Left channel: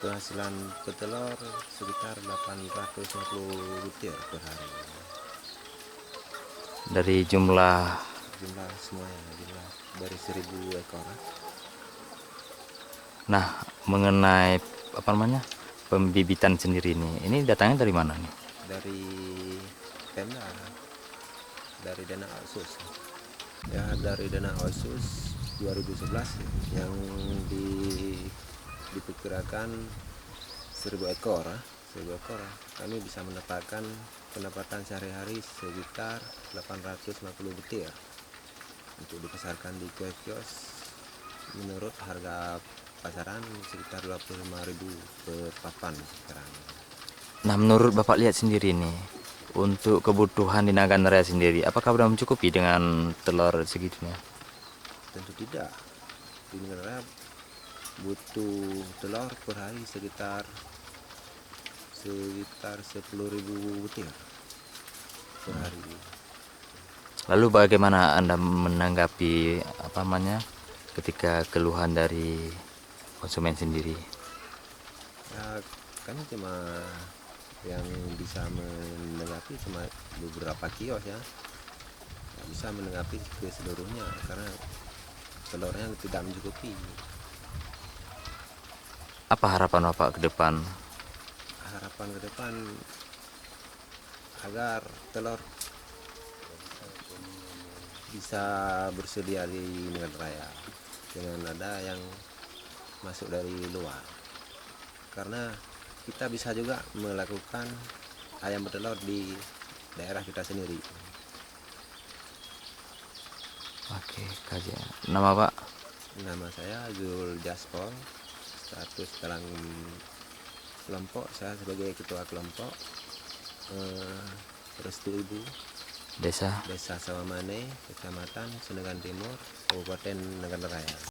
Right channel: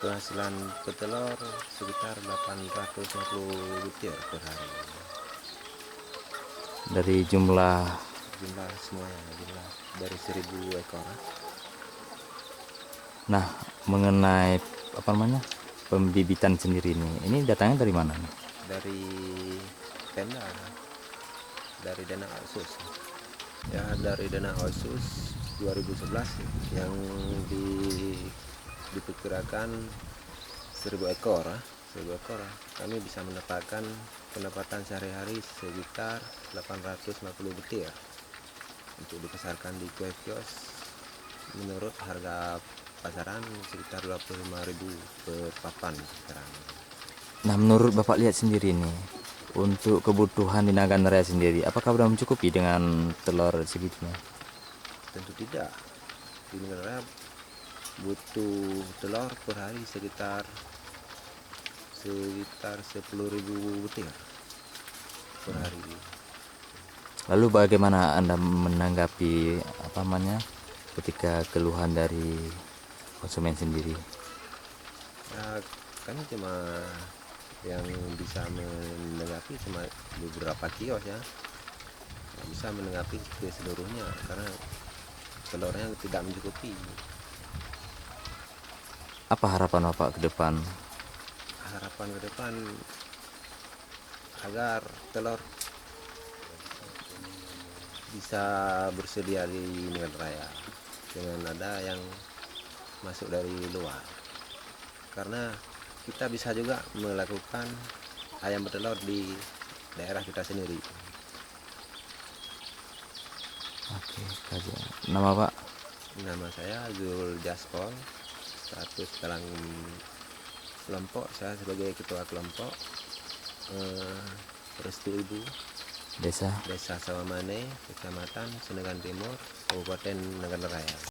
Penghasilan petelur sekitar 850 butir per hari. Dari jumlah Jumlah semuanya, jumlah dari 1000 ekor. nah mengenai apa namanya pembibitan sendiri ini datangnya dari mana nih? Dari Pemda, dari dana otsus. Ya, dari dana otsus 2011 yang diperkirakan 1000 ekor. 1000 ekor kami bisa mendapatkan pendapatan sehari-hari sekitar 850 butir untuk dipasarkan di kios menurut harga pasaran sekitar 25.000 per papan sekarang. Nah, menurut Bapak lihat sendiri nih, untuk kebutuhan di Nagan Raya sendiri, apakah sudah mencukupi dengan telur segitunya? Tentu tidak. Di negara butuh telur per hari sekitar 10.000 butir per hari. Lalu bagaimana Anda menanggapi apa namanya ketika keluhan dari konsumen sendiri? Ya, kami cuma yang bisa menanggapi cuma beberapa kios ya, nggak bisa menanggapi ke seluruhnya karena telurnya tidak mencukupi. Apa harapan Bapak ke depan? Harapan ke depan agar telur bisa bersedia di negara raya dengan ada yang masuk dari luar, karena kita bisa juga melakukan ayam bertelur di daerah kita sendiri. Oke, kajian. Nama Pak? Nama saya Zul Jaspol, status dalam kelompok saya sebagai ketua kelompok Restu Ibu, Desa? Desa Sawamane, Kecamatan Senegan Timur, Kabupaten Nagan Raya.